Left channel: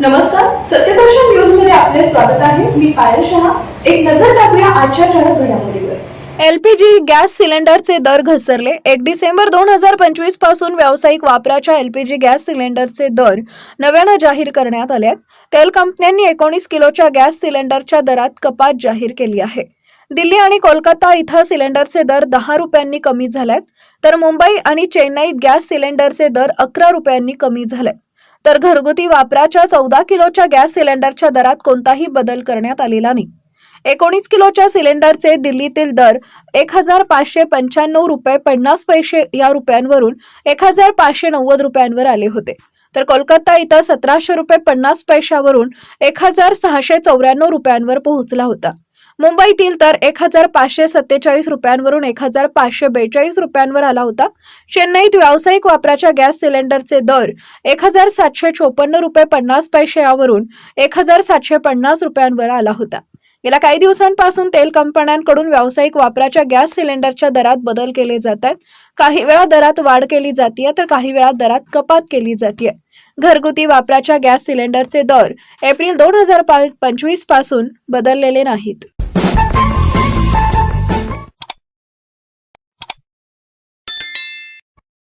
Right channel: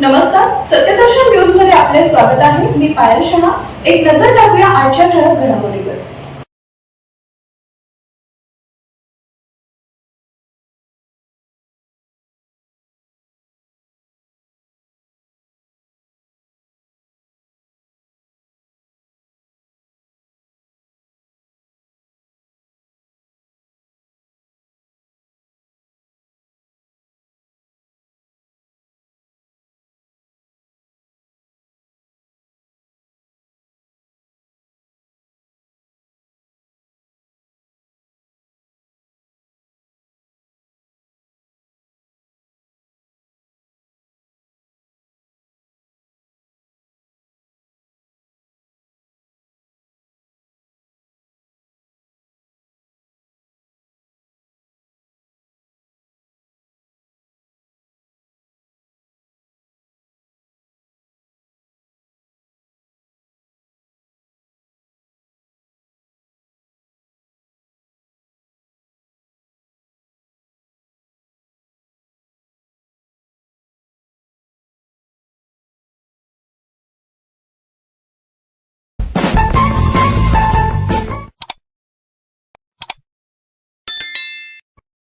नमस्कार, सत्यदर्शन न्यूज मध्ये आपले स्वागत आहे. मी पायल शहा. एक नजर टाकूया आजच्या ठळक घडामोडीवर. एलपीजी गॅस सिलेंडरचे दर घसरले. 1 डिसेंबर 2025 पासून व्यावसायिक वापराच्या एलपीजी गॅस सिलेंडरचे दर नव्यानं जाहीर करण्यात आले आहेत. तेल कंपन्यांनी 19 किलोच्या गॅस सिलेंडरच्या दरात कपात जाहीर केली आहे. दिल्ली आणि कोलकाता इथं सिलेंडरचे दर 10 रुपयांनी कमी झालेत, तर मुंबई आणि चेन्नईत गॅस सिलेंडरचे दर 11 रुपयांनी कमी झालेत. तर घरगुती वापराच्या 14 किलोच्या गॅस सिलेंडरच्या दरात कोणताही बदल करण्यात आलेला नाही. 19 किलोच्या सिलेंडरचे दिल्लीतील दर 1595 रुपये 50 पैसे या रुपयांवरून 1590 रुपयांवर आले होते. तर कोलकाता इथं 1700 रुपये 50 पैशावरून 1694 रुपयांवर पोहोचला होता. मुंबईतील तर 1547 रुपयांवरून 1542 रुपयांवर आला होता. चेन्नईत व्यावसायिक वापराच्या गॅस सिलेंडरचे दर 1754 रुपये 50 पैसे यावरून 1750 रुपयांवर आला होता. गेल्या काही दिवसांपासून तेल कंपन्यांकडून व्यावसायिक वापराच्या गॅस सिलेंडरच्या दरात बदल केले जात आहेत. काही वेळा दरात वाढ केली जाते तर काही वेळा दरात कपात केली जाते. घरगुती वापराच्या गॅस सिलेंडरचे दर एप्रिल 2025 पासून बदललेले नाहीत.